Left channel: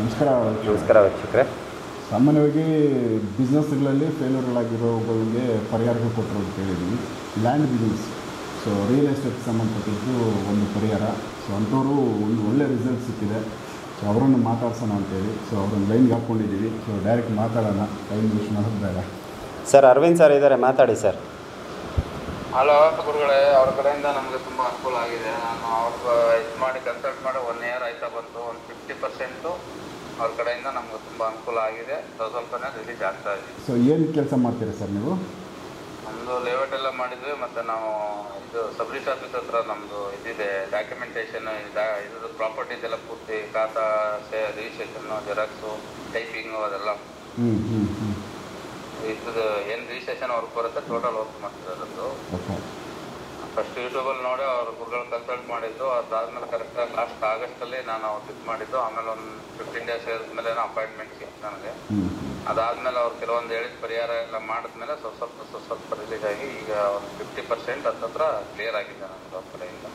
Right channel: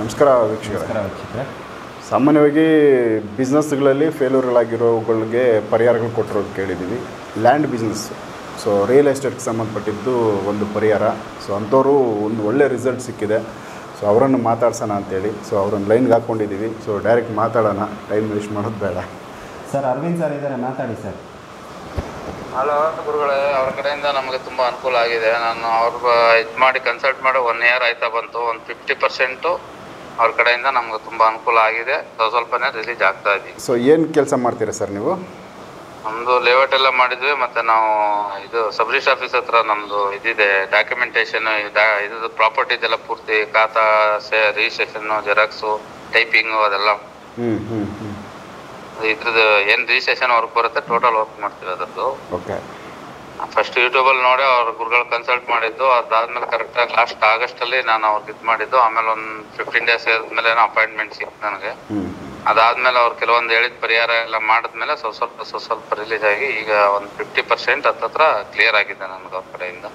ನಮಸ್ಕಾರ ವೀಕ್ಷಕರೇ. ಸಾಮಾನ್ಯವಾಗಿ ಬಿಸ್ನೆಸ್ಗಳಲ್ಲಿ ಫೇಲ್ಯೂರ್ಗಳಾಗಿರೋಗಳಿಗೆ ಪರಿಹಾರಗಳು ಕೊಟ್ಟಿರೋದು ಕೇಳಿದ್ದೀವಿ. ಲ್ಯಾಂಡ್ ಬಿಸ್ನೆಸ್, ಸೊ ರಿಯಲ್ ಎಸ್ಟೇಟ್ಗೆ ಸಂಬಂಧಪಟ್ಟಿದ್ದು ಒಂದು ಪರಿಹಾರ. ಸೊ ಅಂಥವರು ಒಂದು ಒಳ್ಳೆ ರಿಸಲ್ಟ್ ಸಿಕ್ಕಿದೆ. ಸೊ ಅವರನ್ನು ಮಾತಾಡ್ಸೋಣ ಅಂತೇಳಿ ಅವ್ರನ್ನ ಲೈನ್ಗೆ ಹಾಕ್ಕೊಂಡಿದ್ದೀವಿ. ಸೊ ಡೈರೆಕ್ಟ್ ಮಾತಾಡೋಣ, ಟೈಮ್ ವೇಸ್ಟ್ ಮಾಡೋದು ಬೇಡ. ಸರ್ ಅರವಿಂದ್ ಸರ್ ಇದ್ದಾರೆ, ಮಾತಾಡಿ ಸರ್. ಹಲೋ ಗುರುಗಳೇ, ಅವ್ರ ಕಡೆಯಿಂದ ನಮಗೆ ತುಂಬ ಅನುಕೂಲ ಆಗಿದೆ. ನಾನು ಅವ್ರಿಗೆ ಇದು ಮಾಡಿ ಕನ್ಸಲ್ಟ್ ಮಾಡಿ 1 ಇಯರ್ ಆಯ್ತಾ ಬಂತು. ಒಂದು 50% ಅವ್ರ ಕಡೆಯಿಂದ ನಮ್ಗೆ ತುಂಬ ಅನುಕೂಲ ಆಗಿದೆ. ಸ್ವಲ್ಪನೇ ರಿಲೀಸ್ ಆಗ್ತಾ ಇದ್ದೀವಿ. ಸೊ ಏನು ಕೆಲಸ ಮಾಡ್ತೀರಾ ಸರ್ ನೀವು? ನಮ್ಮದು ಲೇಔಟ್ ಎಲ್ಲ ಮಾಡಿದ್ವಿ. ಮತ್ತು ನಾವು ಇದು ಸಬ್ ರಿಜಿಸ್ಟ್ರ್ ಆಫೀಸ್ ಹತ್ರ ನಮ್ಮದು ಇದಿದೆ, ಡಾಕ್ಯುಮೆಂಟೇಷನ್ ಇದು ಪ್ರಾಪರ್ಟಿದೆಲ್ಲ ಪೂರ್ತಿ ಖಾತಾ ರಿಜಿಸ್ಟ್ರೇಷನ್ನು, ಜೆರಾಕ್ಸು, ಟೈಪಿಂಗು ಅದೆಲ್ಲ ಇದ್ರದ್ದು ಏನು ರಿಜಿಸ್ಟ್ರೇಷನ್ ವರ್ಕ್ ಬರುತ್ತೆ ಟೋಟಲ್ ವರ್ಕ್ ಮಾಡ್ತೀವಿ ಅದರದ್ದು. ಓಕೆ. ಫಸ್ಟ್ ಯೂಟ್ಯೂಬಲ್ಲಿ ನೋಡಿ ಅವ್ರ ಗುರುಗಳು ಕನ್ಸಲ್ಟ್ ಮಾಡಿದ್ದು. ಅದಾದ್ಮೇಲೆ ಕರೆಕ್ಟಾಗಿ ಲಾಸ್ಟ್ ಆಗಸ್ಟಲ್ಲಿ ನಾನು ಅವ್ರಿಗೆ ಇದು ಮಾಡಿದ್ದು. ಆಮೇಲೆ ಒಂದು 15 ಡೇಸ್ ಆದ್ಮೇಲೆ ಅಪಾಯಿಂಟ್ಮೆಂಟ್ ಸಿಕ್ತು ನನಗೆ. ಅದಾದ್ಮೇಲೆ ಅವ್ರು ಕೆಲವೊಂದು ಹೇಳಿದ ಪರಿಹಾರ ಎಲ್ಲ ಮಾಡಿದ್ಮೇಲೆ ಸ್ವಲ್ಪ ರಿಲೀಸ್ ಆಗಿ ಈಗ ಒಂದು 50% ಹತ್ತತ್ರ ಕ್ಲಿಯರ್ ಆಗಿದೆ ನನಗೆ. ಅವ್ರ ಕಡೆಯಿಂದ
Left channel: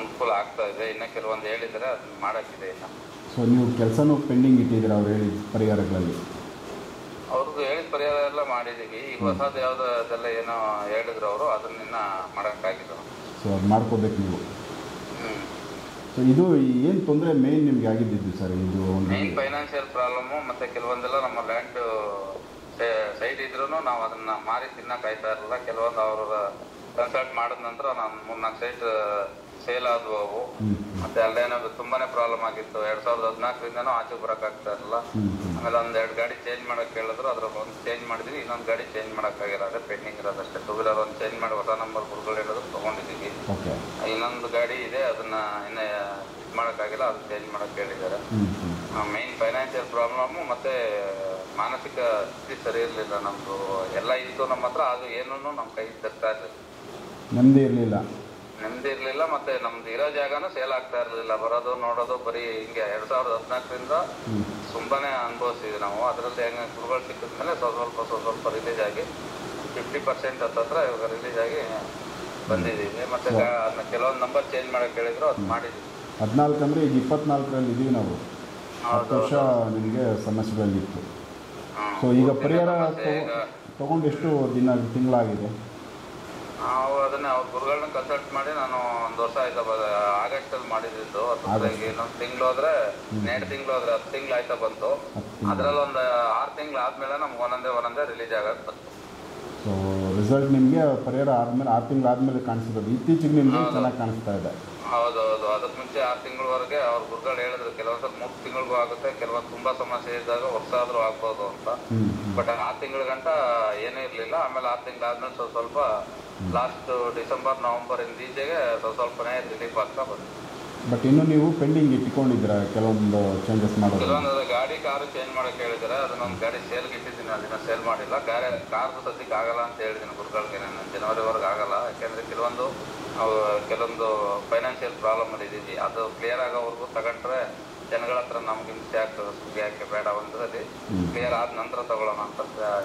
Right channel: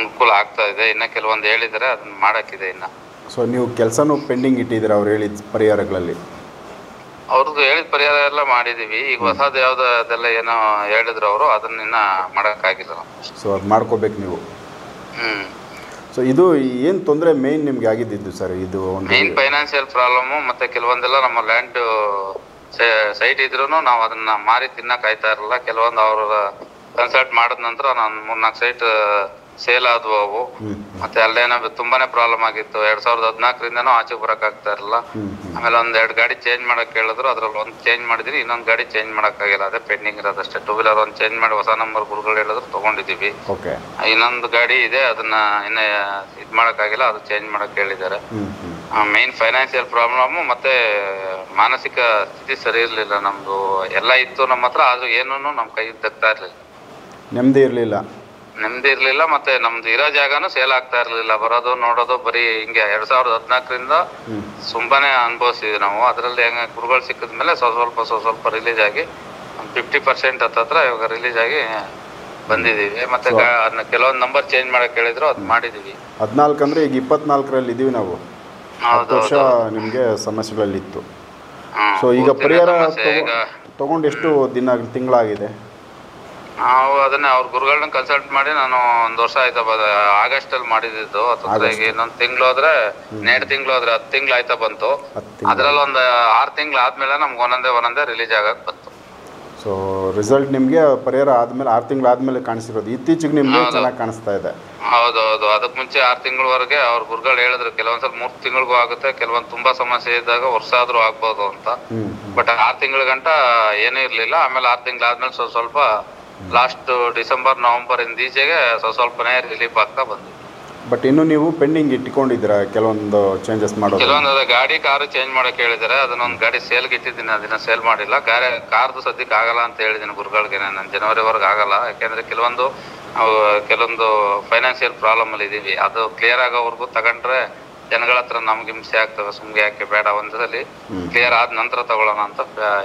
ಅನುಕೂಲ ಆಗ್ತಾ ಇದೆ. ಇನ್ನು ಕೆಲವೊಂದು ಹೇಳಿದರೆ ಅದನ್ನ ಮಾಡೋಕ್ಕಿದೆ ಇನ್ನು. ಸೊ ನೀವು ಕೆಲಸನೂ ಪೆಂಡಿಂಗ್ ಇಟ್ಟಿದ್ದೀರಾ ಅವ್ರು ಹೇಳಿದ ಪರಿಹಾರಗಳಲ್ಲಿ? ಅವ್ರದ್ದು ಹೇಳಿದ ಪರಿಹಾರ ಎಲ್ಲ ಮಾಡಿದೀವಿ. ಈಗ ಹೊಸದು ಯಾವ್ದು ಅದೆಲ್ಲ ಏನೋ ಹೇಳಿದ್ರು ಅವರು, ಅದನ್ನ ಮಾಡೋಕ್ಕಾಗಿಲ್ಲ. ಸೊ ಅದು ಮಾಡ್ಕೋಬೇಕು ನೀವು. ಸೊ ಇದು ಏನು ತೊಂದರೆ ಮೇಯ್ನ್ ನಿಮ್ಗೆ ಆಗಿದ್ದು ಸರ್? ಇದು ಮೇನ್ ಫೈನಾನ್ಷಿಯಲ್ ಪ್ರಾಬ್ಲಮ್ಮು. ಮತ್ತೆ ಕೆಲವೊಂದೆಲ್ಲ ನಮ್ಮ ಲ್ಯಾಂಡ್ ಸೈಟ್ ಇದ್ರೂ ನಾವು ಅದನ್ನ ಮಾರಿ ತಿನ್ನಕ್ ಆಯ್ತಾ ಇರಲಿಲ್ಲ. ಕೆಲವೊಂದು ಅವ್ರ ಕನ್ಸಲ್ಟ್ ಮಾಡಿದ ನಂತರ ನಾನು 3-4 ಸೈಟ್ ಸೇಲ್ ಆದ್ವು ಅವು. ಮತ್ತೆ ಅಲ್ಲೇನೋ ತುಂಬಾನೇ ಪ್ರಾಬ್ಲಮ್ ಆಗಿತ್ತು. 2014ರಿಂದನೂ ಆಚೆಗೆ ಬರಕ್ ಆಗ್ತಾ ಇರಲಿಲ್ಲ. ಆಮೇಲೆ 1-2 ಗಾಡಿ ಚೇಂಜ್ ಮಾಡಕ್ ಹೇಳಿದ್ರು. ಅದ್ರಲ್ಲಿ ಒಂದು ಚೇಂಜ್ ಮಾಡಿದ್ರಿ, ಇನ್ನೊಂದು ಗಾಡಿ ಚೇಂಜ್ ಮಾಡಕ್ ಆಗಿಲ್ಲ. ಅದೇ ಪೆಂಡಿಂಗ್ ಇರೋದಷ್ಟೇ. 2 ವೀಲರ್ ಒಂದು ಚೇಂಜ್ ಮಾಡಿ ಹೊಸ ನಂಬರ್ ಗುರುಗಳು ಹೇಳಿದ್ರು ತಗೊಂಡಿದೀವಿ. ಇನ್ನೊಂದು ಗಾಡಿ ಇದೆ, ಅದನ್ನ ಇನ್ನ ಇದ್ ಮಾಡಕ್ ಆಗಿಲ್ಲ, ಅದು ಚೇಂಜ್ ಮಾಡಕ್ ಹೇಳಿದ್ದಾರೆ. ಮೇನ್ ಫೈನಾನ್ಷಿಯಲ್ ಪ್ರಾಬ್ಲಮ್ ಮತ್ತೆ ಮಾನಸಿಕ ಸ್ಥಿತಿ ಸರಿ ಇರ್ಲಿಲ್ಲ ನಮ್ದು. ಎಲ್ಲ ಇತ್ತು ನಮ್ಮ ಹತ್ರ, ಆದ್ರೂ ಏನೂ ನಮ್ ಕೈ ದಕ್ತಾ ಇರ್ಲಿಲ್ಲ. ನೆಮ್ಮದಿ ಇರಲಿಲ್ಲ. ಮತ್ತೆ ನಮ್ದು ಇರೋ ಜಾಗನೂ ಸೇಲ್ ಆಗ್ತಾ ಇರ್ಲಿಲ್ಲ. ಬರೋದು ನೋಡೋದು ಬರೀ ಹಿಂಗೆ. 2014ರಿಂದ ತುಂಬಾನೇ ಅನುಭವಿಸಿದ್ವಿ ನಾವು. ಅದರಲ್ಲಿ ಹೆಂಗ ಗುರುಗಳು ಸಿಕ್ಕಿದ್ಮೇಲೆ ಸ್ವಲ್ಪ ರಿಲೀಸ್ ಆಗಿ 50% ಹತ್ತತ್ರ ಇವಾಗ ರಿಲೀಸ್ ಆಗಿ ಬಂದಿದೀವಿ. ಮತ್ತೆ ಕೆಲವೊಂದು ನಂಬರ್ ಚೇಂಜ್ ಮಾಡಕ್ ಹೇಳಿದ್ರು, ಅದ್ ಮಾಡಿದೀವಿ. 14 ಅಂದ್ರೆ ಈಗ 24ರಲ್ಲಿ ಇದೀವಿ ನಾವು. 10 ವರ್ಷ ನಿಮ್ಗೆ ಸಮಸ್ಯೆಗಳಲ್ಲಿತ್ತು. ಸೊ ಈಗ ಪರಿಹಾರ ತಗೊಂಡು ಎಷ್ಟು ತಿಂಗಳಾಗಿದೆ? ನಾವು ಅದನ್ನ ಅವ್ರ ಗುರುಗಳನ್ನ ಕನ್ಸಲ್ಟ್ ಮಾಡಿ ನಾನು 1 ವರ್ಷ ಆಯ್ತಾ ಆಗಸ್ಟ್ ಅಲ್ಲಿ ಮಾಡಿದ್ದು. ಈಗ ಇನ್ನೊಂದು ತಿಂಗಳು ಹೋದ್ರೆ 2 ತಿಂಗಳು ಹೋದ್ರೆ 10 ತಿಂಗಳು ಆಯ್ತಾ ಬಂತು. ಅದ್ರಲ್ಲಿ ಒಂದು 6 ತಿಂಗಳು ಆದ್ಮೇಲೆ ನಮ್ಗೆ ಒಂದೊಂದೇ ರಿಲೀಸ್ ಆಗಕ್ ಬಂತು. ಸೊ ರಿಸಲ್ಟ್ ನಿಮ್ಗೆ ಪರಿಹಾರ ಆದ್ಮೇಲೆ 6 ತಿಂಗಳು ಆದ್ಮೇಲೆ ಕಾಣಿಸಿರೋದು. ಇತ್ತೀಚೆಗೆ ನಿಮ್ಗೆ ಚೆನ್ನಾಗಿ ಕಾಣಿಸ್ತಾ ಇದೆ. ಹೌದೌದು. ಅದಕ್ ಮುಂಚೆ 6 ತಿಂಗಳವರೆಗೆ ಅವ್ರ ಗುರುಗಳು ಹೇಳಿದ್ರು ಕೆಲವೊಂದ್ಸಲ 3 ತಿಂಗಳಿಗೂ ಆಗುತ್ತೆ, ಕೆಲವೊಂದು ತುಂಬಾ ಸಮಸ್ಯೆ ಇದ್ದಾಗ ವರ್ಷ ಆದ್ರೂ ಆಗ್ಬೋದು ಅಂತ. ಬಟ್ 6 ತಿಂಗಳ ಗಂಟ ಏನೂ ಇರ್ಲಿಲ್ಲ. ಆಮೇಲೆ 6 ತಿಂಗಳಾದ್ಮೇಲೆ ಸ್ವಲ್ಪ ಲಾಸ್ಟ್ ಡಿಸೆಂಬರ್ ನವೆಂಬರ್ ಈಚೆಗೆ ಸ್ವಲ್ಪನೇ ರಿಲೀಫ್ ಆಗ್ತಾ ಬಂತು. ಬಟ್ ಇನ್ನು ನೀವು ಪೆಂಡಿಂಗ್ ಇಟ್ಕೊಂಡಿದ್ದೀರಾ ಕೆಲವೊಂದು ಚೇಂಜಸ್ ಮಾಡೋದು? ಕೆಲವೊಂದು ಗಾಡಿ ಕಾರು ಚೇಂಜ್ ಮಾಡಕ್ ಹೇಳಿದಾರೆ. ಅದನ್ನೊಂದು ಗಾಡಿ ಸೇಲ್ಗೆ ಇಟ್ಟಿದ್ದೀನಿ, ಅದನ್ನ ಸೇಲ್ ಮಾಡಿಲ್ಲ. ಕಾರ್ದು ಸದ್ಯಕ್ಕೆ ಆಗಲ್ಲ ಅಂತ ಹೇಳಿದ್ದೀನಿ ಗುರುಗಳಿಗೆ. ನಾನು ಜನವರಿವರೆಗೆ ಆಗಲ್ಲ. ಯಾಕೆಂದ್ರೆ ಕೆಲವೊಂದು ಫೈನಾನ್ಷಿಯಲ್ ಪ್ರಾಬ್ಲಮ್ ಅಲ್ಲಿ ಇದೀವಿ. ಅದು ಕ್ಲಿಯರ್ ಆಗೋವರೆಗೂ ತಗೊಂಡ್ರೆ ಜನಗಳ ಹತ್ರ ನಮ್ಗೆ ಹಿಂಸೆ ಆಗ್ತದೆ. ಸುಮ್ಗೆ ಯಾಕೆ ಬೇಡ, ಒಂದ್ಸಲಿ ಕ್ಲಿಯರ್ ಆದ ನಂತರ ತಗೊಳ್ಳೋಣ ಅಂತ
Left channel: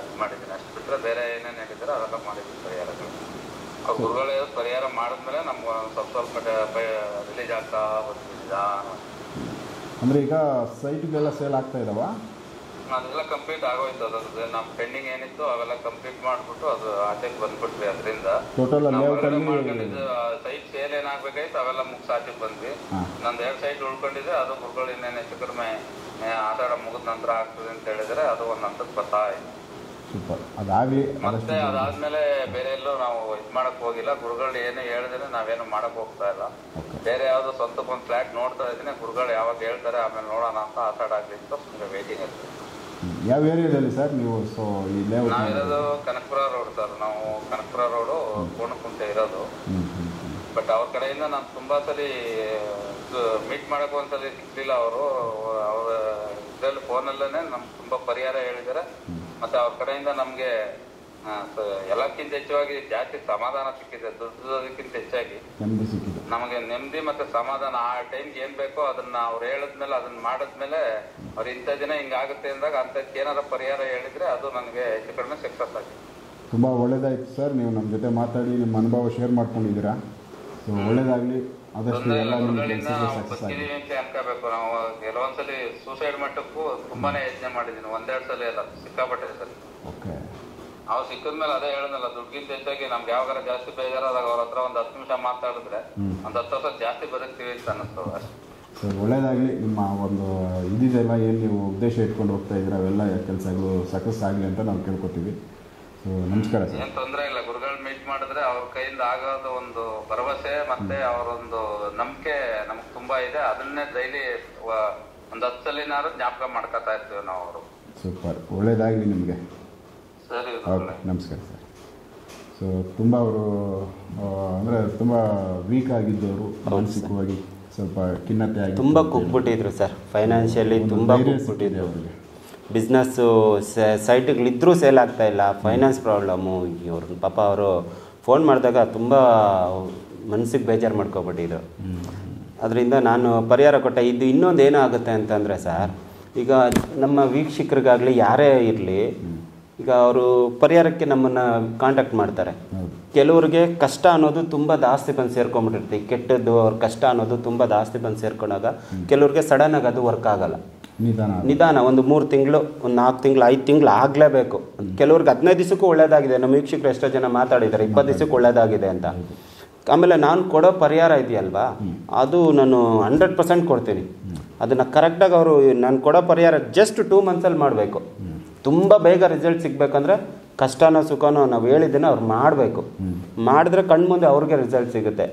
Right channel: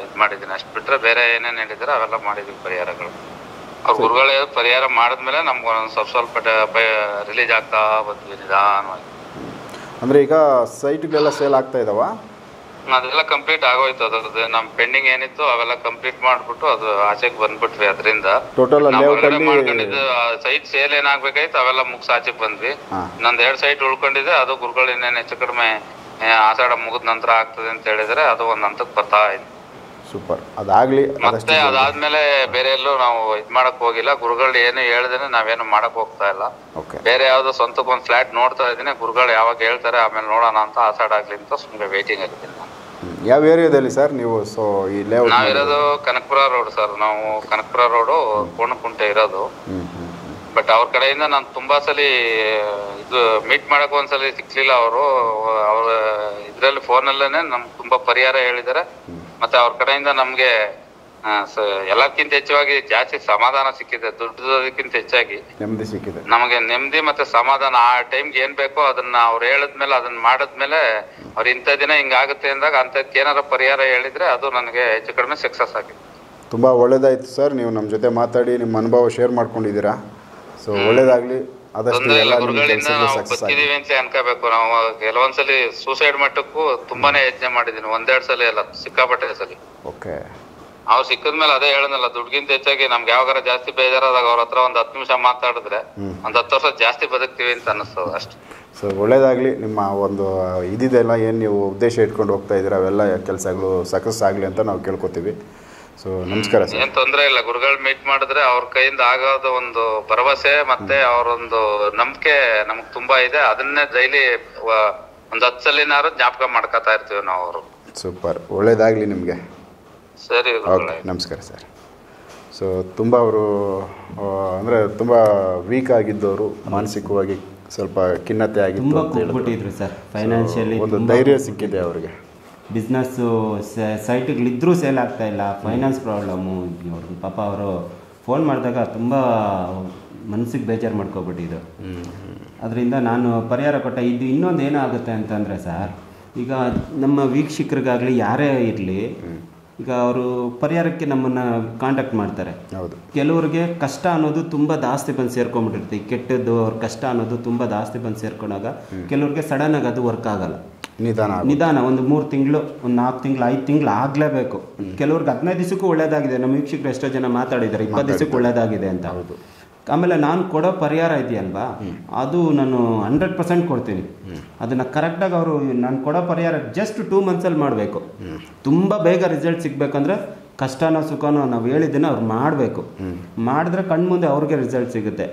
ಇದು ಮಾಡಿದ್ದೀನಿ. ಅಷ್ಟು ಬಿಟ್ರೆ ಬೇರೆ ಏನೇನು ಹೇಳಿದ್ರೆ ಅವೆಲ್ಲ ಮಾಡಿದ್ವಿ ಪರಿಹಾರಗಳು. ಅವ್ರ ಗುರುಗಳೇ ಪರಿಹಾರ ಮಾಡಿದ್ಮೇಲೆ ನಮ್ಗೆ ಸ್ವಲ್ಪ ರಿಲೀಸ್ ಆಗ್ತಾ ಬಂದ್ವಿ ನಿಧಾನವಾಗಿ. ಅಂದ್ರೆ ಈಗ ಸೈಟ್ಗೆಲ್ಲ ಸೇಲ್ ಆಗ್ತಾ ಇದಾವ? ಅದೆಲ್ಲ ಕಂಪ್ಲೀಟ್ ಆಗೋಯ್ತು. ಅದ್ರದ್ದು ನಮ್ ಪೆಂಡಿಂಗ್ ಏನಿತ್ತು ಅವೆಲ್ಲ ಕಂಪ್ಲೀಟ್ ಮಾಡ್ಬಿಟ್ಟು ಅದು ಆಚೆಗೆ ಬಂದ್ಬಿಟ್ವಿ. ಅದರಿಂದ ಟೋಟಲ್ ಮಾಡ್ಕೊಂಡಿದ್ದು ಸೈಟ್ ಸೇಲ್ ಏನಾಗ್ಬೇಕಾಯ್ತು ಅವೆಲ್ಲ ಮುಗಿಸ್ ಆಚೆಗೆ ಬಂದ್ವಿ. ನಂದು 2 ಸೈಟ್ ಉಳ್ಕೊಂಡಿದೆ. ಅದು ಗುರುಗಳು ಇನ್ನೇನು ಹೆಚ್ಚು ಕಡಿಮೆ ಆಷಾಢ ಮುಗಿದ ನಂತರ ಆಗ್ತದೆ ಅಂತ ಹೇಳಿದ್ರೆ ಅದು ಒಂದ್ ಹಂತಕ್ಕೆ ಬರ್ತಾ ಇತ್ತು. ಸೂಪರ್. ಅದಾಗ್ಲಿ. ಮತ್ತೆ ಅದಾದ್ಮೇಲೆ ಬೇರೆ ಎಲ್ಲೂ ನಾವು ಇದ್ ಮಾಡಕ್ ಹೋಗಿಲ್ಲ. ಗುರುಗಳು ಏನು ಹೇಳಿದ್ರೆ ನಾವೇನು ಮಾಡಕ್ ಹೋಗ್ತಾ ಇಲ್ಲ. ಬೇರೆ ಯಾವ್ದೋ ಸ್ವಂತಕ್ಕೆ ಒಂದು ಫ್ಲಾಟ್ ನೋಡ್ತಾ ಇದೀನಿ. ಗುರುಗಳು ಯಾವಾಗ ಹೇಳ್ತಾರೆ ಆಮೇಲೆ ನೋಡೋಣ ಅಂತ ಆಷಾಢ ಆಗ್ಲಿ ಅಂತ ಸುಮ್ಮನೆ ವೇಟಿಂಗ್ ಆಗಿದ್ದೀನಿ. ಯಾವ ಏರಿಯಾದಲ್ಲಿ ಸರ್ ನೀವು? ಸೊ ಈ ಲೇಔಟ್ ನಾವಿರೋದು ಕನಕಪುರ ರೋಡ್ ಸರ್. ನಾವು ಕನಕಪುರ ರೋಡು ಕೋಣಕುಂಟೆ ಇರೋದು. ಬಟ್ ಅವ್ರ ಕಡೆಯಿಂದ ನಾನು ತುಂಬಾ ಸಲಿ ಇದು ಮೀಟ್ ಮಾಡಕ್ ಒಂದ್ಸಲಿ ಸಿಕ್ಲಿಲ್ಲ. ಅವ್ರ ಇದ್ರಲ್ಲಿ ಫೋನಲ್ಲೇನೆ ನಮ್ಗೆ ತುಂಬಾ ಪರಿಹಾರ ಹೇಳಿದಾರೆ. ಮತ್ತೆ ಅವ್ರ ಕಡೆಯಿಂದ ನಮ್ಗೆ ಎಲ್ಲಕ್ಕಿಂತ ಹೆಚ್ಚಾಗಿ ಜಾಸ್ತಿ ಸಮಾಧಾನ ಸಿಕ್ಕಿದೆ. ದುಡ್ಡಕ್ಕಿಂತ ಹೆಚ್ಚಾಗಿ ನೆಮ್ಮದಿ ಸಿಕ್ಕಿದೆ ನಮಗೆ. ನೆಮ್ಮದಿ ಮತ್ತೆ ಸಮಾಧಾನ. ಆ ಟೈಮ್ಗೆ ಏನ್ ಬೇಕೋ ಅದನ್ನ ಅವ್ರು ಹೇಳಿದ್ಮೇಲೆ ಅದನ್ನ ಮಾಡಿದ್ಮೇಲೆ ಅವ್ರು ಇಂಥ ದಿನ ಹಿಂಗಾಗುತ್ತೆ ಅಂದಾಗ ಅಂಥದ್ದಕ್ಕೆ ಏನಾರ ಪರಿಹಾರ ಹೇಳಿದ್ರೆ ಅದು ನನಗೆ ಹೆಚ್ಚು ಕಡಿಮೆ ಸಕ್ಸಸ್ ಆಗಿದೆ. ತುಂಬ ಒಳ್ಳೆಯದಾಯಿತು ಸರ್. ನೀವು ನಮ್ಮ ಜೊತೆ ಮಾತಾಡಿ ನಿಮ್ಮ ಅನುಭವ ಶೇರ್ ಮಾಡ್ಕೊಂಡಿದ್ದೀರಾ. ಸೊ ಒಳ್ಳೆಯದಾಗಲಿ. ಆದಷ್ಟು ತೊಂದರೆ ಇಲ್ಲ. ಎಲ್ಲ ನಿಮ್ಮ ಗುರುಗಳಿಂದ ಕೆಲಸಗಳು ನಾವು ಸಕ್ಸಸ್ ಆಗಿ. ಬದುಕಿದೀವಿ ಅಂತ ಅನ್ಕೋಬೇಕು. ನಾವು ಕೆಲವೊಂದ್ಸಲಿ ಸೂಸೈಡ್ ಮಟ್ಟಕ್ಕೂ ತುಂಬಾನೇ ಯತ್ನ ಮಾಡಿದೀನಿ, 1-2 ಸಲ ಅಲ್ಲ, ಸಿಕ್ಕಾಪಟ್ಟೆ ಸಲಿ. ಓಕೆ. ಅವ್ರು ಸಿಕ್ಕದ್ಮೇಲೆ ಅದೇ ಹೇಳನಲ್ಲ, ದುಡ್ಗಿಂತ ಹೆಚ್ಚಾಗಿ ನಮ್ಗೆ ಯಾವಾಗಾರ ಜಾಸ್ತಿ ಬೇಜಾರಾದಾಗ ಅವ್ರ ಹತ್ರ ಒಂದ್ 10 ನಿಮಿಷ ಮಾತಾಡಿದ್ರೆ ಒಂದ್ 10 ವರ್ಷ ಜಾಸ್ತಿ ಬದುಕ್ತೀವಿ ಅಂತ ಅನ್ನಿಸ್ತದ ಅಷ್ಟೇ. ಸೊ ಒಳ್ಳೇದಾಗಲಿ. ನಿಮ್ಮ ಒಂದು ಇದಿದೆಲ್ಲ ಏನು ನೀವು ಉದ್ದೇಶ ಇಟ್ಕೊಂಡು ಹೋಗ್ತಾ ಇದ್ದೀರಾ ಅವೆಲ್ಲ ಕೆಲಸಗಳು ಸಕ್ಸಸ್ ಆಗಲಿ ಅಂತ ನಾವು ಕೇಳ್ಕೊತೀವಿ. ಸೊ ನಮಸ್ಕಾರ ಸರ್. ಏನ್ ತೊಂದರೆ ಇಲ್ಲ. ಗುರುಗಳು ಮೀಟ್ ಮಾಡಿದ್ರೆ ಅವ್ರ ಕೈಯಿಂದ ಆಗೋದು ಒಂದು ಭರವಸೆ ಮತ್ತೆ ಅವರೊಂದು ನಂಬಿಕೆ ನಮಗ್ ತುಂಬಾ ಇದೆ. ಅದನ್ನೇ ಡೈಲಿ ಒಂದ್ 10 ಸಲಿನಾರು ಜ್ಞಾಪಕ ಮಾಡ್ಕೊತಾ ಇರ್ತೀವಿ ನಾವು. ಅವರು ಸೂಪರ್, ಒಳ್ಳೇದಾಗಲಿ ನಿಮಗೆ. ಸರಿ, ಓಕೆ, ನಮಸ್ಕಾರ ಸರ್. ಸೊ ತುಂಬ ಅವರು ಅಂದರೆ ತುಂಬ ವೀಕ್ ಆಗಿದ್ದವರು, ಮಾನಸಿಕವಾಗಿ ಸ್ವಲ್ಪ ಖಿನ್ನತೆ ಆಗಿತ್ತು, ತುಂಬ ಕುಗ್ಬಿಟ್ಟಿದ್ರು ಸರ್. ಫೈನಾನ್ಷಿಯಲಿ ಒಂದು ಧೈರ್ಯ ಸಿಕ್ಕಿದೆ ಅವರಿಗೆ. ಬಿಸ್ನೆಸ್ಸು ಸೈಟ್ಗಳಿದ್ರೂ ಸೇಲ್ ಆಗ್ತಾ ಇಲ್ಲ, ಫೈನಾನ್ಸ್ ಪ್ರಾಬ್ಲಮ್ಮು. ಇವರು ಪಾಪ ಅವರು ಫೋನ್ ಮಾಡಿದಾಗ ತುಂಬ ಮನಸ್ಸಿಗೆ ಬೇಜಾರು ಮಾಡ್ಕೊಬಿಟ್ಟಿದ್ರು. ಅದರಿಂದ ನಾನು ಪರಿಹಾರ ಕೊಟ್ಟೆ. ಇದು ಇನ್ನೊಂದು ಏನಾಗುತ್ತೆ ಅಂತಂದರೆ ಸರ್, ಈಗ ನಮ್ಮ ವೀಕ್ಷಕರಿಗಾಗಲಿ ಯಾರೇ ಇರಲಿ, ಈಗ ಅವರು ಪರಿಹಾರಕ್ಕೆ ನಮ್ಮನ್ನು ಕಾಂಟ್ಯಾಕ್ಟ್ ಮಾಡ್ತಾರೆ. ಹೌದು. ಕೆಲವ್ರಿಗೆ ಕಷ್ಟ ಅನ್ನೋದು ತುಂಬ ಜಾಸ್ತಿ ಬಂದು ಸೇರ್ಕೊಂಡ್ಬಿಟ್ಟಿರ್ತೀವಿ. ಕೆಟ್ಟದ್ದು ಅವ್ರ ಕಷ್ಟ ಅನ್ನೋದು ತುಂಬ ಜಾಸ್ತಿ ಬಂದು ಸೇರ್ಕೊಂಡಾಗ ಕೆಲವ್ರಿಗೆ ಸಡನ್ನಾಗಿ ಅದು ವರ್ಕ್ ಆಗಲ್ಲ. ನಿಧಾನ ಒಂದು 3 ತಿಂಗಳು, ಒಂದು 4 ತಿಂಗಳು, 5 ತಿಂಗಳು ಆಗಲೇಬೇಕು. ಕೆಲವ್ರಿಗೆ 15 ದಿವಸಕ್ಕೂ ಒಳ್ಳೇದಾಗಿದೆ. ನಮ್ಮ ವೀಕ್ಷಕರು ಎಷ್ಟೋ ಜನ ಮಾತಾಡಿದ್ದಾರೆ 20 ದಿವಸಕ್ಕೆ ಒಳ್ಳೇದಾಗಿದೆ ಅಂತ. ಆಮೇಲೆ ನಾನು ಕೊಡೋ ಪರಿಹಾರ ಇದೆಯಲ್ವಾ, ಅದು ನಾನು 100% ಕೊಡ್ತೀನಿ. ಅದನ್ನು ಕರೆಕ್ಟಾಗಿ ಅವರು ನಾನು ಕೊಡೋ ಪರಿಹಾರ ಜಸ್ಟ್ 2 ಮಂತ್ಸಲ್ಲಿ ಮಾಡಬೇಕು. ತುಂಬ ಬೇಗ ರಿಸಲ್ಟ್ ಸಿಗಬೇಕಂದ್ರೆ ಕಷ್ಟನೋ ಸುಖನೋ ನಾವು ಹೇಳಿದ್ದನ್ನು ಅವ್ರು ಮಾಡಬೇಕು. ಮಾಡಿದ್ರೆ ಕಣ್ಮುಂದೆ ಅವ್ರಿಗೆ ರಿಸಲ್ಟ್ ಸಿಗುತ್ತೆ.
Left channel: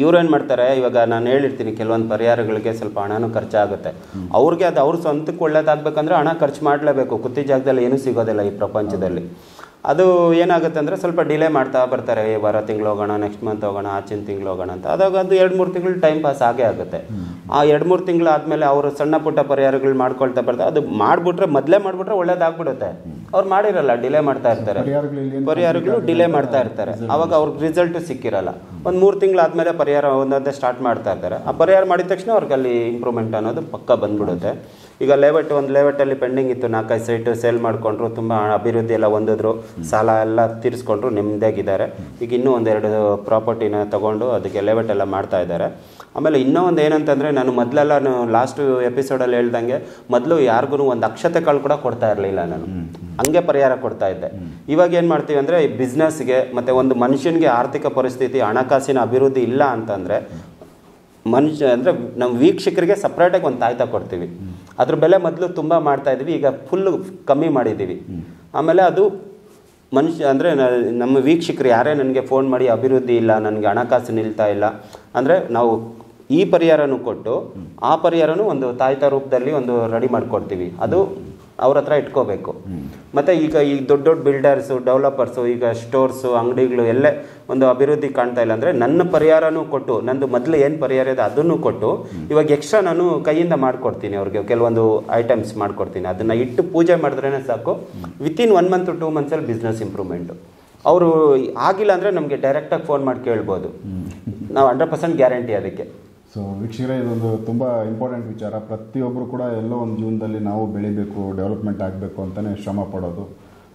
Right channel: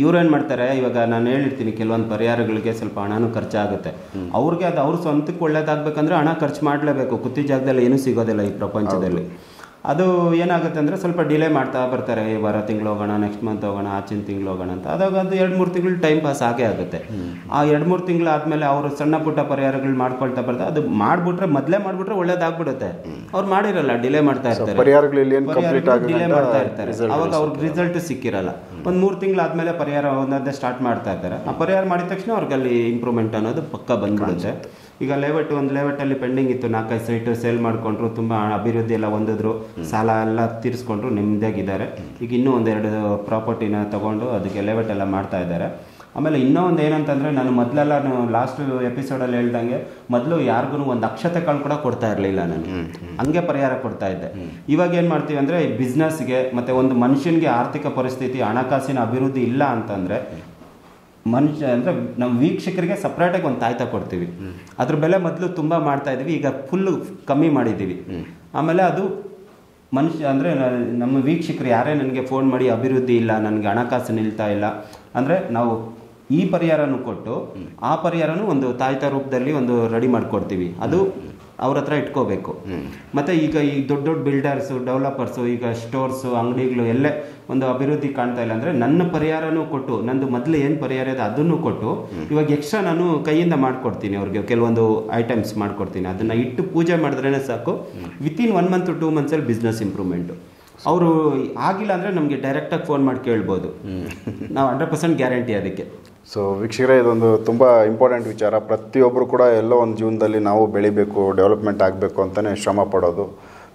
ಇವ್ರೇನು ಮಾಡ್ತಾರೆ, ಇವಾಗ ನಾನು ಹೇಳಿರ್ತೀನಿ ಕೆಲವೊಂದು ಪರಿಹಾರಗಳಿಗೆ ಸ್ವಲ್ಪ ಹಣನೂ ಖರ್ಚಾಗುತ್ತೆ. ಅವ್ರಿಗೆ ಅದು ಅವ್ರ ಸ್ವಂತಕ್ಕೆ ಒಳ್ಳೇದಾಗಬೇಕಂದ್ರೆ ಹಣ ಖರ್ಚು ಮಾಡಲೇಬೇಕು. ಕುತ್ತಿ ಜಾಗದಲ್ಲಿ ಏನೂ ಸಿಗೋದಿಲ್ಲ ಈ ಪ್ರಪಂಚದಲ್ಲಿ. ಅದು ಏನಾಗುತ್ತೆ ಅಂದರೆ ಸ್ವಲ್ಪ ಡಿಲೇ ಮಾಡ್ತಾ ಬರ್ತಾರೆ. ವಾರ ತಿಂಗಳು ಹೋಗೋಣ, ನೆಕ್ಸ್ಟ್ ಮಂತ್ ಹೋಗೋಣ, ಆಚಿನ ತಿಂಗಳು ಹೋಗೋಣ ಅಂತ. ಅದಾಗ ಅದು 2-3 ತಿಂಗಳು ಟೈಮ್ ಪಾಸ್ ಆಗೇ ಆಗುತ್ತೆ. ಆ 2-3 ತಿಂಗಳು ಆದಮೇಲೆ ಅವರು ಸಣ್ಣ ಪುಟ್ಟ ಪರಿಹಾರಗಳು ಮಾಡ್ಕೊಳ್ತಾ ಬರ್ತಾರೆ. ಅದು ಮೊದಲೇ ಮಾಡಿಬಿಟ್ರೆ ಒಳ್ಳೇದಾಗ್ಬಿಡುತ್ತೆ. ಅವ್ರು ಮಾಡಿರಲ್ಲ, ಡಿಲೇ ಮಾಡ್ತಾ ಇರ್ತಾರೆ. ಪರಿಹಾರಗಳು ಡಿಲೇ ಮಾಡ್ತಾ ಇರ್ತಾರೆ. ಅವಾಗ ಅವ್ರಿಗೆ ರಿಸಲ್ಟ್ ಸಿಕ್ಕಿರಲ್ಲ. ಒಂದು 3 ತಿಂಗಳು ಆದಮೇಲೆ ಪರಿಹಾರ ಒಂದೊಂದೇ ಸ್ಟಾರ್ಟ್ ಮಾಡ್ತಾ ಇರ್ತಾರೆ. ಆ ಪರಿಹಾರ ಮಾಡಿದ ತಕ್ಷಣ ಅವ್ರಿಗೆ ಅಲ್ಲಿ ಇಂಪ್ರೂವ್ಮೆಂಟ್ ಅನ್ನೋದು ಪಕ್ಕ ಬಂದ್ಬಿಡುತ್ತೆ. ಈಗ ಒಂದು ಲೇಔಟಲ್ಲಿ ಪೆಂಡಿಂಗ್ ಇತ್ತು, 4-5 ಸೈಟು ಸೇಲ್ ಮಾಡಿಕೊಂಡ್ರು, ತುಂಬ ಅಭಿವೃದ್ಧಿ ಎಲ್ಲ ಹೊಂದಿದ್ರು, ಸಾಲ ಎಲ್ಲ ತೀರಿಸ್ಕೊಂಡ್ರು, ನೆಮ್ಮದಿಯಾಗಿದ್ದಾರೆ. ಈಗ ಇನ್ನೂ 1-2 ಪ್ರಾಪರ್ಟಿನ ತೊಗೊಂಡು ಅದಕ್ಕೆ ಲೇಔಟ್ ಎಲ್ಲ ಮಾಡ್ತಾ ಇದ್ದಾರೆ. ಆಮೇಲೆ ಇನ್ನೂ ಒಂದು ಏನಂತಂದರೆ, ನಾನು ಮೊದಲೆಲ್ಲ ಲಾಸ್ಟ್ ಎಪಿಸೋಡಲ್ಲಿ ಹೇಳ್ದಂಗೆ ಮೊದಲು ಯಾರಿಗೂ ಒಂದು ಅಕ್ಷತೆ ಕಾಳು ಕೂಡ ಕೊಡ್ತಾ ಇರಲಿಲ್ಲ. ನಾನು ಹಂಗೆ ಪರಿಹಾರ ಕೊಡ್ತಾ ಇದ್ದೆ. ಇವಾಗ ಏನು ಮಾಡ್ತೀವಿ ಅಂದರೆ, ಈ ಬಿಸ್ನೆಸ್ಗೆ ಮತ್ತು ಒಂದು ಮನುಷ್ಯನಿಗೆ ಆರ್ಥಿಕ ಪರಿಸ್ಥಿತಿ, ಹಣಕಾಸಿನ ಅಭಿವೃದ್ಧಿ ಇಲ್ಲ ಅಂತಂದರೆ ಅಂದರೆ ನಮ್ಮ ವೀಕ್ಷಕರಿಗೆ ಸಪ್ರೇಟಾಗಿ ಒಂದು ತಾಯ್ತ ಕೊಡ್ತೀವಿ. ಅದ್ರ ಬೆಲೆ ಮೊದಲು ತುಂಬ ಮಾಡ್ತಾ ಇದ್ವಿ, ಈಗ ಫುಲ್ಲು ಕಮ್ಮಿ ಮಾಡಿದ್ದೀವಿ. ಆಮೇಲೆ ಅದು ಅಂದರೆ ನಮ್ಮ ವೀಕ್ಷಕರು ಯಾರೇ ನನಗೆ ಫೋನ್ ಮಾಡಿ ಅಭಿವೃದ್ಧಿ ಇಲ್ಲ, ನನಗೆ ಹಣಕಾಸು ನಿಲ್ತಾ ಇಲ್ಲ ಅಂದರೆ, ನಾವು ಈ ಪರಿಹಾರನೂ ಕೊಟ್ಟು ಆ ಪರಿಹಾರನೂ ಒಂದು ತಾಯ್ತ ರೂಪದಲ್ಲಿ ಒಂದು ರೆಡಿ ಮಾಡಿಕೊಡ್ತೀವಿ. ಅದು ಅವ್ರ ಹತ್ರ ಇಟ್ಕೋಬೇಕು. ಮತ್ತು ಈಗ ಈ ದೊಡ್ಡ ದೊಡ್ಡ ಬಿಲ್ಡರ್ಸು, ಡೆವಲಪರ್ಸು, ಈಗ ಸ್ಟೋರ್ಸು, ಅಂಗಡಿಗಳು ಎಲ್ಲೇ ಒಂದು ಅಭಿವೃದ್ಧಿ ಕಾಣ್ತಾ ಇಲ್ಲ ಅಂದರೆ ನನ್ನ ಪರಿಹಾರನೂ ಕೊಟ್ಟು, ನಂದು ಮೊದಲು ಏನು ಪರಿಹಾರ ಇದೆ ಅದನ್ನು ಕೊಟ್ಟು ಇವಾಗ ಎಕ್ಸ್ಟ್ರಾ ನಾನು ಕೈಯಿಂದ ಮಾಡಿಕೊಡ್ತೀನಿ. ಅವ್ರಿಗೆ ಕೆಲವೊಂದು ಐಟಮ್ಸ್ ಮಾಡಿಕೊಡ್ತೀನಿ. ಅದನ್ನು ಇಟ್ಟು ಪೂಜೆ ಮಾಡಿದ್ರೇ ಸಾಕು, ವಿತಿನ್ 1 ಮಂತ್ 2 ಮಂತ್ಸಲ್ಲಿ ಬಿಸ್ನೆಸ್ ಇಂಪ್ರೂವ್ಮೆಂಟು. ಅವರು ಆಗಿಲ್ಲ ಅಂದರೆ ನಮಗೆ ಡೈರೆಕ್ಟಾಗಿ ಫೋನ್ ಮಾಡಿ ಕೇಳ್ಬೋದು. ನಾವು 100% ಗ್ಯಾರಂಟಿ ಅದಕ್ಕೆ. ಸೊ ವೀಕ್ಷಕರೇ, ಇದೊಂದು ತುಂಬ ಇಂಪಾರ್ಟೆಂಟ್ ವಿಚಾರ. ಪ್ರತಿಯೊಬ್ಬರು ಕೂಡ ಎಲ್ಲೋ ಒಂದು ಜೀವನದಲ್ಲಿ ನಾವು ಬೆಳಿಬೇಕು, ಡೆವಲಪ್ಮೆಂಟ್ ಆಗಬೇಕು ಅಂತಲೇ ಶ್ರಮ ಪಡೋದು.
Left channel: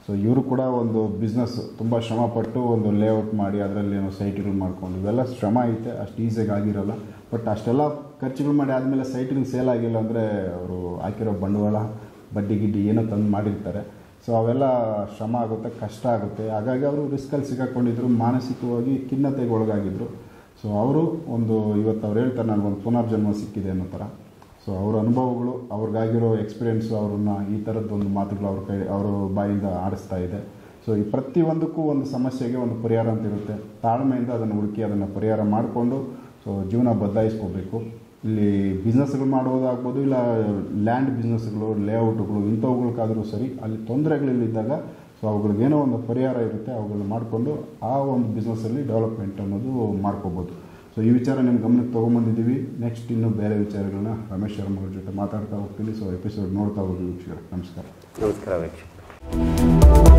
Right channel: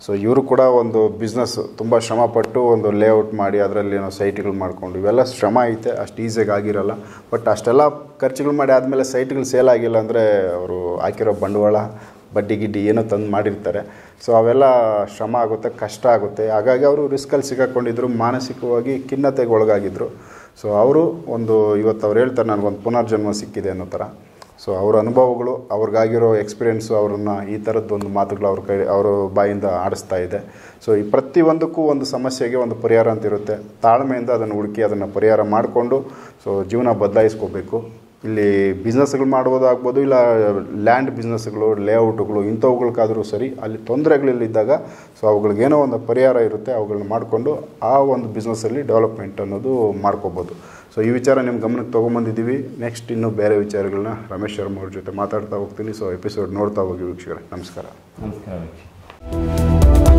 ಸೊ ಇವರು ಕೂಡ ಒಂದು ಬಿಸ್ನೆಸ್ ತುಂಬ ಶ್ರಮಪಟ್ಟು ಒಂದು ಲೇಔಟ್ ಮಾಡಿ ಅದರಲ್ಲಿ ಏನೋ ಸೈಟ್ಗಳು ಮಾಡಿಕೊಂಡು ಇವೆಲ್ಲ ಶ್ರಮ ಐತೆ, ಅಷ್ಟು ಈಸಿಯಾಗಿ ಆಗಿರಲ್ಲ. ಬಟ್ ಅಷ್ಟೆಲ್ಲ ಖರ್ಚುಗಳು ಮಾಡಿ ಆದಮೇಲೆ ಸೈಟ್ಗಳು ಸೇಲ್ ಆಗಿಲ್ಲ ಅಂದರೆ ಅವರು ಹಾಕಿರೋ ಬಂಡವಾಳ, ಬಡ್ಡಿ ಗಿಡ್ಡಿ ಏನೋ ತಂದು ಮಾಡಿರ್ತಾರೆ. ಸೊ ಅವೆಲ್ಲ ಶ್ರಮ ಆಗುತ್ತೆ, ಕಷ್ಟ ಆಗುತ್ತೆ. ಹಾಗಾಗಿ ಅವರು ರಿಸ್ಕಲ್ಲಿ ಸಿಕ್ಕಾಕೊಂಡಿದ್ರು, ಮಾನಸಿಕವಾಗಿ ಖಿನ್ನತೆಗೆ ಒಳಗಾಗಿದ್ದರು. ಸೊ ಅವರು ಇವತ್ತು ಅವ್ರು ಹೇಳ್ತಾರೆ ನನಗೊಂದು ಪುನರ್ಜನ್ಮ ಸಿಕ್ಕಿದೆ ಅನ್ನೋ ಥರ. ಸೊ ಅವರ ಅನುಭವಗಳು, ಅವ್ರಿಗಾಗಿರೋ ಎಕ್ಸ್ಪೀರಿಯೆನ್ಸು ಅವರನ್ನು ಈ ಥರದ್ದೊಂದು ಮಾತುಗಳು ಅವ್ರ ಬಾಯಿಂದ ಆಡಿಸ್ತಾ ಇದೆ. ಸೊ ಈ ಪ್ರತಿಯೊಂದಕ್ಕೂ ಒಂದು ಸಮಸ್ಯೆಗೆ ಒಂದು ಪರಿಹಾರ ಅಂತ ಇರುತ್ತೆ. ತಾಳ್ಮೆಯಿಂದ ಅದನ್ನು ಹುಡುಕಿ ಅದನ್ನು ಪರಿಹಾರ ಮಾಡಿಕೊಂಡು ಸೊ ಜೀವನ ಬದಲಾಯಿಸ್ಕೋಬೇಕು. ಇಲ್ಲಿ ಬಿಸ್ನೆಸ್ಗಳು ಮಾಡೋದಾಗ್ಬೋದು, ಇಲ್ಲ ಲ್ಯಾಂಡ್ ಬಿಸ್ನೆಸ್ಗಳು, ಲೇಔಟ್ಗಳು ಇಂಥವುಗಳಿಗಾದರೂ ಸರಿ, ಅಲ್ಲಿ ತೊಂದರೆಗಳಿದ್ದಾಗ ಸೊ ಅವುಗಳಿಗೇನೋ ಒಂದು ಪರಿಹಾರ ಇರುತ್ತೆ, ಅವುಗಳನ್ನ ಮಾಡಿಕೊಂಡು ಆ ಒಂದು ಬಿಸ್ನೆಸ್ಸಲ್ಲಿ ಡೆವಲಪ್ಮೆಂಟ್ ಅನ್ನೋದು ಮಾಡ್ಕೋಬೋದು. ಸೊ ಈ ವಿಚಾರ ನಿಮ್ಮ ಗಮನಕ್ಕೆ ತೊಗೊಂಬಂದಿದ್ದೀವಿ. ನೆಕ್ಸ್ಟ್ ಇನ್ನೂ ಬೇರೆ ವಿಚಾರಗಳನ್ನ ರಮೇಶ್ ಶರ್ಮ ಅವ್ರ ಜೊತೆ ಮಾತಾಡ್ತಾ ಹೋಗ್ತೀನಿ. ಸೊ ಎಪಿಸೋಡ್ ನೋಡ್ತಾ ಹೋಗಿ ವೀಕ್ಷಕರೇ. ನಮಸ್ಕಾರ. ವೀಕ್ಷಕ.